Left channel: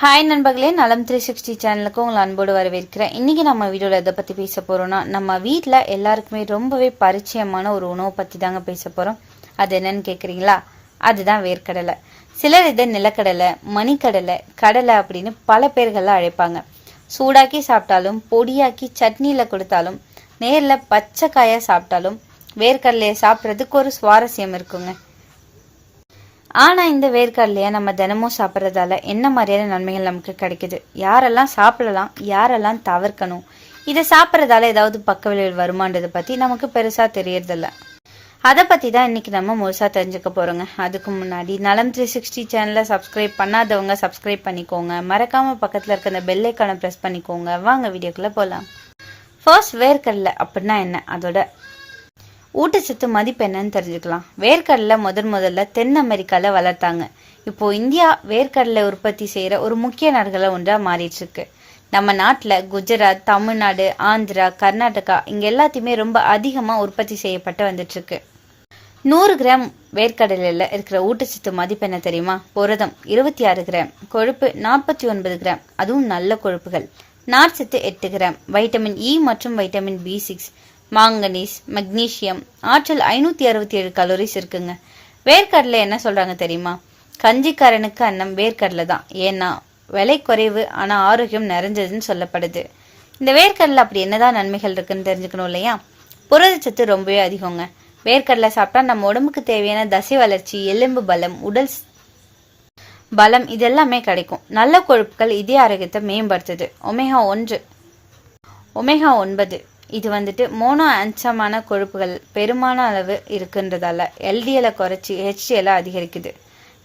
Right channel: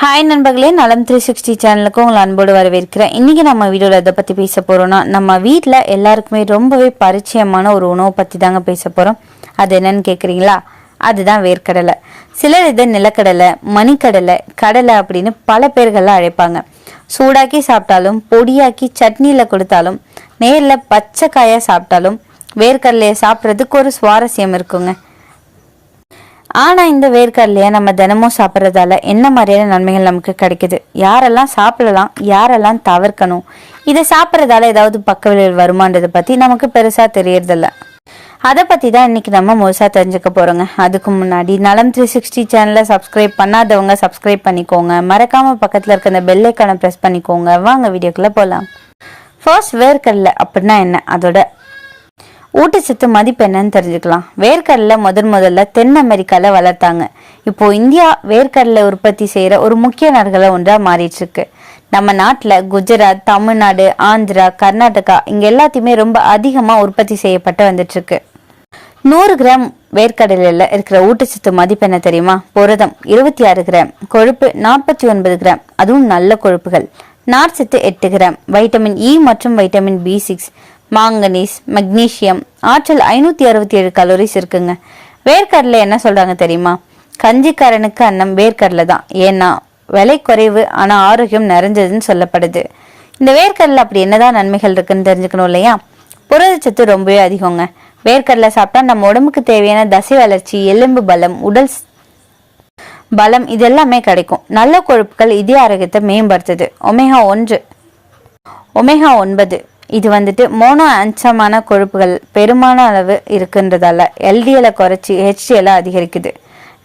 Hi நண்பர்களே. நலம் three sixty சேனலுக்கு உங்களை அன்போடு வரவேற்கிறேன். இன்றைக்கி நம்ம வீடியோவில் எதை பற்றி பேச போகிறோன்னா நம்ம வீட்டில் எல்லாருக்குமே ரொம்பவே பரிச்சயமான ஒரு உணவை பற்றி தாங்க பேச போகிறோம் அது என்னன்னு கேட்குறீங்களா அதுதான் வேர்க்கடலை. சிலர் இதை நிலக்கடலை மணிக்கடலை கடலை அப்படின்னு பல பேர்கள்லாம் அழைப்பாங்க. சூடாக்கி சாப்பிட்டாலும் பொடியாக்கி சட்னியில் கொடுத்தாலும் நேரில் பச்சை காயாக சாப்பிட்டாலும் வேர்க்கடலையை சாப்பிட்றதுக்கு ஒரு சுவாரஸ்யம் இருக்குங்க. ஆனா இந்த வேர்க்கடலையை நம்ம தினமும் சாப்பிட்றதால என்ன மாதிரியான நன்மைகள் நமக்கு கிடைக்குது? யாரெல்லாம் சாப்பிடலாம் யாரெல்லாம் தவிர்க்கணும்? இதை சாப்பிட்றதால ஏதாவது பக்க விளைவு வருமானதை பத்தி நமக்கு பெருசா தெரியறதில்ல. அதை பத்தி தான் இன்னைக்கு நம்ம முழுசா தெரிஞ்சுக்க போறோங்க. அதுக்கு முன்னாடி நலம் த்ரீ சிக்ஸ்டி சேனலை சப்ஸ்கிரைப் பண்ணாதவங்க சப்ஸ்கிரைப் பண்ணிக்கோங்க. மறக்காம பக்கத்துல இருக்க அந்த பெல்லைக்கான ஐக்கானை ப்ரெஸ் பண்ணிக்கோங்க. வாங்க வீடியோக்குள்ள போலாம். ஃபர்ஸ்ட் வேர்க்கடலை அப்படின்னா என்ன? அதோட ஊட்டச்சத்து மதிப்பு என்னன்னு தெரிஞ்சுக்கலாம். வேர்க்கடலை முதன் முதல்ல தென் அமெரிக்கால வளர்த்தாங்க. இப்போ இந்தியா வேர்க்கடலை உற்பத்தி செய்யற ஒரு முக்கிய நாடுகள ஒன்றா மாறிட்டு இருக்கு நம்ம நாட்டுல குஜராத் தமிழ்நாடு ஆந்திரா கர்நாடகா இங்க எல்லாத்தையுமே ரொம்ப அதிகமா உற்பத்தி செய்யப்பட்டு வந்துட்டு இருக்கு நூறு கிராம் வேர்க்கடலையில் இருக்கிற ஊட்டச்சத்து மதிப்பு என்ன தெரியுமா? புரதம் இருபத்தி ஆறு கிராம் கொழுப்பு நாற்பத்தி ஒன்பது கிராம் அதுவும் நல்ல கொழுப்புகள். நார்ச்சத்து எட்டு கிராம் வைட்டமின் இ மற்றும் vitamin B six manganese magnesium ஆற்றல் ஐநூத்தி அறுபத்தி ஏழு கலோரிஸ் இருக்குங்க. வேர்க்கடலை என்ன சொல்றாங்க தெரியுமா? கஞ்சிக்காரனுக்கு அன்னம் வேர்க்கடலை தான். ஏன்னா விலை குறைவு ஆனா ஆரோக்கியம் நிறைஞ்சதுன்னு சொல்லப்படுது. இந்த வேர்க்கடலை அப்படி என்னதான் நன்மைகள் இருக்குன்னு தெரிஞ்சுக்கணும் இல்லையா? புரதச்சத்து ரொம்பவே அதிகங்க. வேர்க்கடலை சாப்பிட்டா நம்ம உடம்புக்கு தேவையான தசை வளர்ச்சி எலும்பு பலம் உடல் பலம் இதெல்லாமே கிடைக்கும். நல்ல கொழுப்புகள் இதய ஆரோக்கியத்தை மேம்படுத்துது. ஒமேகா ஒன்று. ஒமேகா ஒன்பது. இது வந்துட்டு மோனோ அம்சமான கொழுப்புகள் பெருமான அளவு இருக்குன்றதால எல்டிஎலை குறைச்சி ஹெச்டிஎலை அதிகரிக்குது.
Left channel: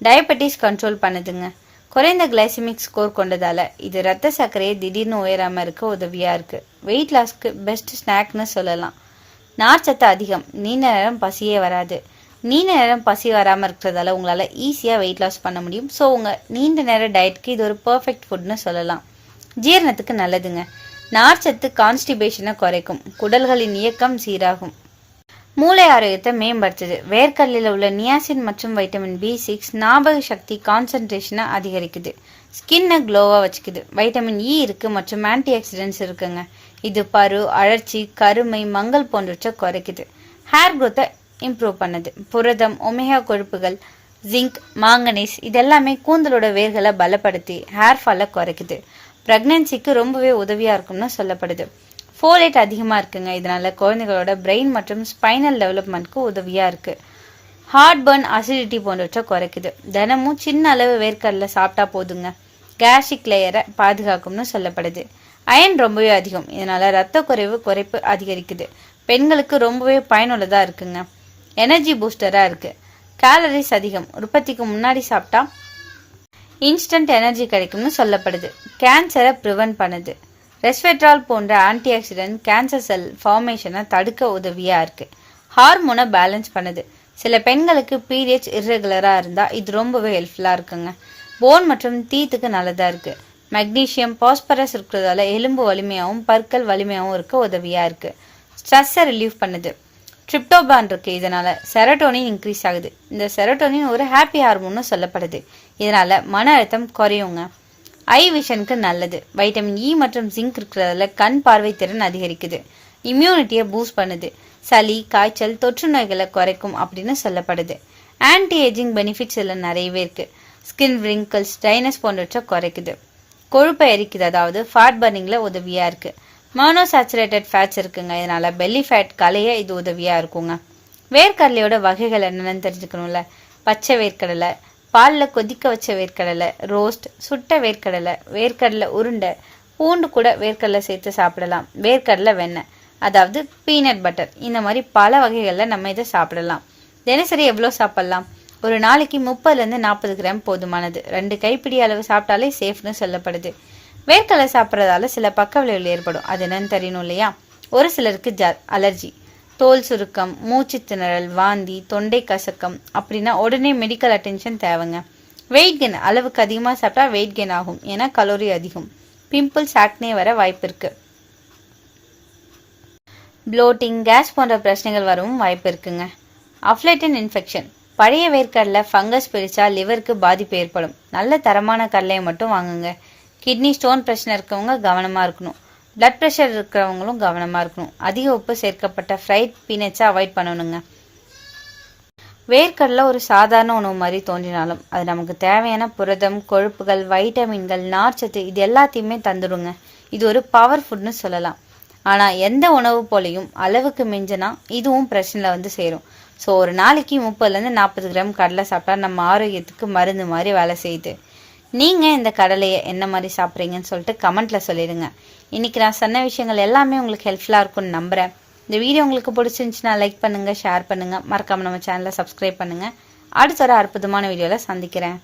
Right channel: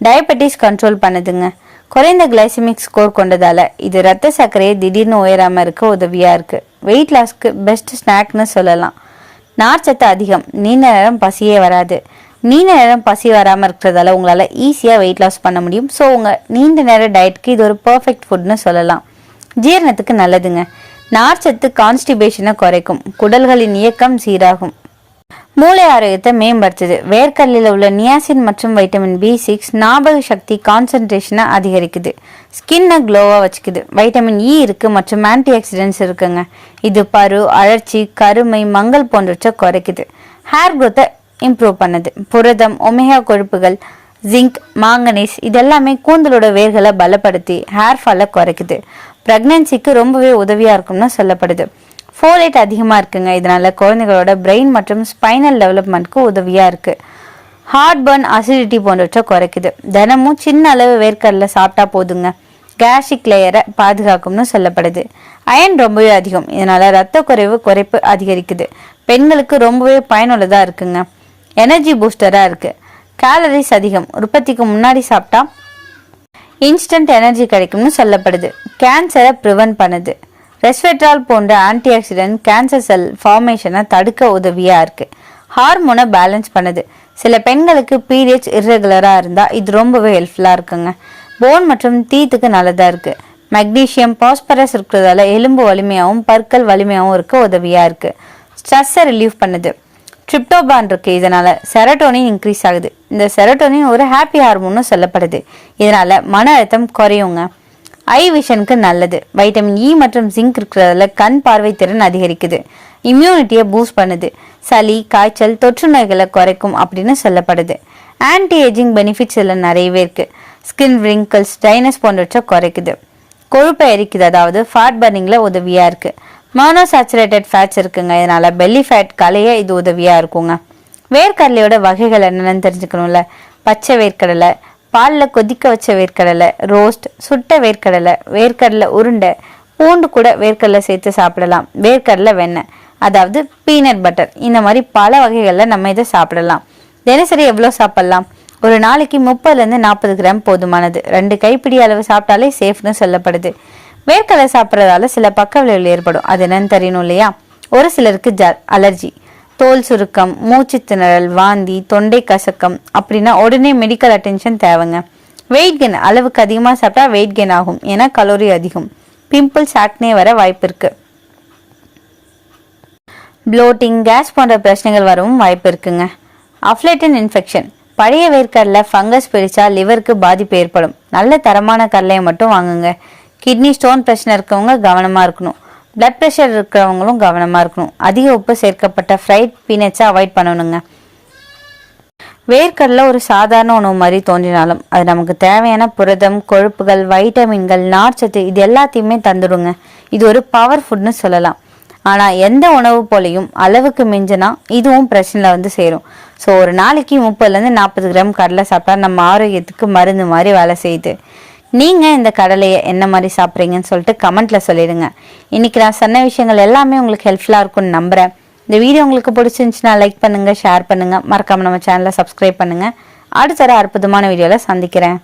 டயபெட்டிஸ் கண்ட்ரோல் பண்ணுதுங்க. குறைந்த கிளைசமிக் ஸ்கோர் கொண்டதால இது ரத்த சர்க்கரையை திடீர்னு உயராமல் இருக்க உதவியாக இருக்குது வெயிட் லாஸ்க்கு பெஸ்ட் ஸ்நாக்னு சொல்லலாம். நார்ச்சத்து அதிகம். நீண்ட நேரம் பசியே வராது. நீண்ட நேரம் பசி வராமல் இருக்கிறதால உங்களால் ஈஸியாக வெயிட் லாஸ் பண்ண முடியும். ஸோ உங்கள் நீண்ட நேர டயட்க்கு இது ஒரு பர்ஃபெக்ட் ஃபுட்னு சொல்லலாம். ஜீரணத்துக்கு நல்லதுங்க. நார்ச்சத்து கான்ஸ்டிபேஷனை குறைக்கும். குடல்களின் இயக்கம் சீராகும். மூளை ஆரோக்கியத்தை மேம்படுத்துது. வேர்க்கல்லில் உள்ள நியாசின் மற்றும் வைட்டமின் பி சிக்ஸ் ஞாபக சக்தி கான்சன்ட்ரேஷனை அதிகரிக்குது. ஸ்கின்னை க்ளோவாக வச்சுக்குது. வைட்டமின் இ e இருக்கு மற்றும் ஆன்டி ஆக்சிடென்ட்ஸ் இருக்குங்க. இது பரு அழற்சி கருமை மங்கல் போன்றவற்றை குறைக்குது. ஹேர் க்ரோத்தை இம்ப்ரூவ் பண்ணுது. புரதம் ஒமேகா கொழுப்புகள் ஜிங்க் மாங்கனீஸ் இதெல்லாமே கூந்தலோட வேர்களை பலப்படுத்தி ஹேர் ஃபாலை குறைக்குது. பிரெக்னன்சிக்கு ரொம்பவே உதவியா இருக்கும்னு சொல்லப்படுது. ஃபோலேட் அதிகமாக இருக்குங்க. இதனால குழந்தைகளோட பிரெயின் மற்றும் ஸ்பைனல் டெவலப்மெண்ட்க்கு உதவியாக இருக்கு. ஹார்ட் பர்ன் அசிடிட்டி போன்றவற்றை குறைக்குது. தினமும் சின்ன அளவு வேர்க்கடலை சாப்பிட்டா போதுங்க. கேஸ்ட்ரிக் லேயரை பாதுகாக்கும்னு சொல்லப்படுது. அயன் ரொம்பவே அதிகம். இதனால ரத்த குறைவு குறைப்பு அதிகரிக்குது. பெண்களுக்கு ரொம்பவே பயனுள்ளதா இருக்குங்க. எனர்ஜி பூஸ்டரா இருக்கு. கேலரிஸ் அதிகம். உற்பத்திக்கு முன்னாடி சாப்பிட்டா இன்ஸ்டன்ட் எனர்ஜி கிடைக்கும்னு சொல்லப்படுது. கேன்சரை ப்ரிவென்ட் பண்ணுது. ரெஸ்வெட்ரால் போன்ற ஆன்டி ஆக்சிடென்ட் கேன்சர் செல் ஃபார்மேஷனை தடுக்க உதவியாக இருக்குது ஹார்மோனை பேலன்ஸ் பண்ணுது. சில பெண்களுக்கு பீரியட்ஸ் இர்ரெகுலராக இருந்தால் இது ரொம்பவே ஹெல்ப்ஃபுல்லாக இருக்குங்க. போன் மற்றும் தீத்துக்கு நல்லதாக இருக்குது மெக்னீஷியம் பாஸ்பரஸ் இருக்கிறதால எலும்பு வலிமையாகவும் பற்கள் வலிமையாகவும் இருக்க உதவியாக இருக்குது ஸ்ட்ரெஸ்ஸை ரிலீவ் பண்ணுது. ட்ரிப்டோபான் இருக்கு. இதனால செரட்டோனின் இன்க்ரீஸ் ஆகுது. இந்த செரட்டோனின் ஒரு ஹாப்பி ஹார்மோன்னு சொல்லப்படுது. இதனால மன அழுத்தம் குறையுங்க. ஐ விஷனுக்கு நல்லது. வைட்டமின் இ e மற்றும் ஜிங்க் இருக்கிறதால கண் பார்வை திறன் அதிகரிக்குது. இம்யூனிட்டியை பூஸ்ட் பண்ணுது. சளி காய்ச்சல் தொற்று நோய்களை குறைக்கும் அப்படின்னு சொல்லப்படுது. ஆன்டி ஏஜிங் பெனிஃபிட்ஸ் இதில் நிறையவே இருக்கு. ஸ்கின் ரிங்கிள்ஸ் டைனஸ் போன்றவற்றை குறைக்குது. கொழுப்பை எரிக்குது. அதாவது ஃபேட் பர்னிங்ல உதவியா இருக்கு. மோனோசாச்சுரேட்டட் ஃபேட்ஸ் இருக்குங்க. இதனால் பெல்லி ஃபேட் கலைய இது உதவியாக இருக்குங்க. வேர்க்கடலையோட வகைகள் என்னென்னு தெரிஞ்சுக்கணும்ல. பச்சை வேர்க்கடலை பாலில் கொதிக்க வச்ச வேர்க்கடலை ரோஸ்ட் சுட்ட வேர்க்கடலை வேர்க்கடலை உருண்டை பூண்டு கூட வேர்க்கடலை சேர்த்து சாப்பிடலாம். வேர்க்கடலை வெண்ணெய் அதாவது பீனட் பட்டர் இந்த மாதிரி பல வகைகளில் நம்ம இதை சாப்பிடலாம். தினசரி எவ்வளோ சாப்பிடலாம்? ஒரு நாளைக்கு முப்பதுலேருந்து நாற்பது கிராம் போதுமானது. ரெண்டு கைப்பிடி அளவு சாப்பிட்டாலே சேஃப்னு சொல்லப்படுது. வேர்க்கடலை சாப்பிட்றதால சில பக்க விளைவுகள் ஏற்படும். அது என்னன்னு தெரியணும் இல்லையா? ஒரு சிலருக்கு ஜ அலர்ஜி தோல் சுருக்கம் மூச்சு திணறல் வாந்தி தொண்டை கசக்கம் அப்படின்னா உடனே மெடிக்கல் அட்டென்ஷன் தேவைங்க. வெயிட் கெயின் அளவுக்கு அதிகமாக சாப்பிட்டா வெயிட் கெயின் ஆகும். ஏன்னா கலோரி அதிகம். பிம்பிள்ஸ் ஆக்னே வர வாய்ப்பு இருக்கு. ப்ளோட்டிங் கேஸ் போன்ற பிரச்சனைகள் வரவும் வாய்ப்பு இருக்குங்க. அஃப்லேட்டன் இன்ஃபெக்ஷன் பழைய வேர்க்கடலை ஃபங்கஸ் பிடிச்சா லிவருக்கு பாதிப்பு ஏற்படும். நல்ல தரமான கடலையை மட்டும் வாங்குங்க. கிட்னி ஸ்டோன் பிரச்சனை இருக்கவங்க கவனமாக இருக்கணும். பிளட் ப்ரெஷர் இருக்கிறவங்களும் கவனமாக இருக்கணும். அதிக உப்பு சேர்க்கப்பட்ட ஃப்ரைட் பீனட்ஸை அவாய்ட் பண்ணணுங்க. வேர்க்கடலை ஒரு சாதாரண உணவு மாதிரி தோன்றினாலும் அது நமக்கு தேவையான புரதம் கொழுப்புகள் வைட்டமின்கள் நார்ச்சத்து இது எல்லாத்தையுமே தந்துடுங்க. இது ஒரு பவர் ஃபுட்னு சொல்லலாம். ஆனால் எந்த உணவு போலையும் அளவுக்கு மிஞ்சினா இதுவும் பிரச்சனையில் வந்து சேரும். ஸோ ஒரு நாளைக்கு முப்பதுலேருந்து நாற்பது கிராம் கடலை சாப்பிட்டா நம்ம ஆரோக்கியத்துக்கு மருந்து மாதிரி வேலை செய்யுது. நீங்கள் இந்த கடலையை என்ன மாதிரி சாப்பிட்றீங்கன்னு சொல்லிட்டு கமெண்ட்டில் சொல்லிடுங்க. இன்னைக்கு நான் சொன்ன விஷயங்கள் எல்லாமே உங்களுக்கு ஹெல்ப்ஃபுல்லாக இருக்கும்னு நம்புகிறேன் இந்த வீடியோ உங்களுக்கு பிடிச்சிருந்துச்சுன்னா லைக் பண்ணுங்கள் ஷேர் பண்ணுங்கள் மறக்காமல் நம்ம சேனலை சப்ஸ்கிரைப் பண்ணுங்கள் அடுத்த தர அற்புதமான வீடியோவில் சந்திக்கிறேன்.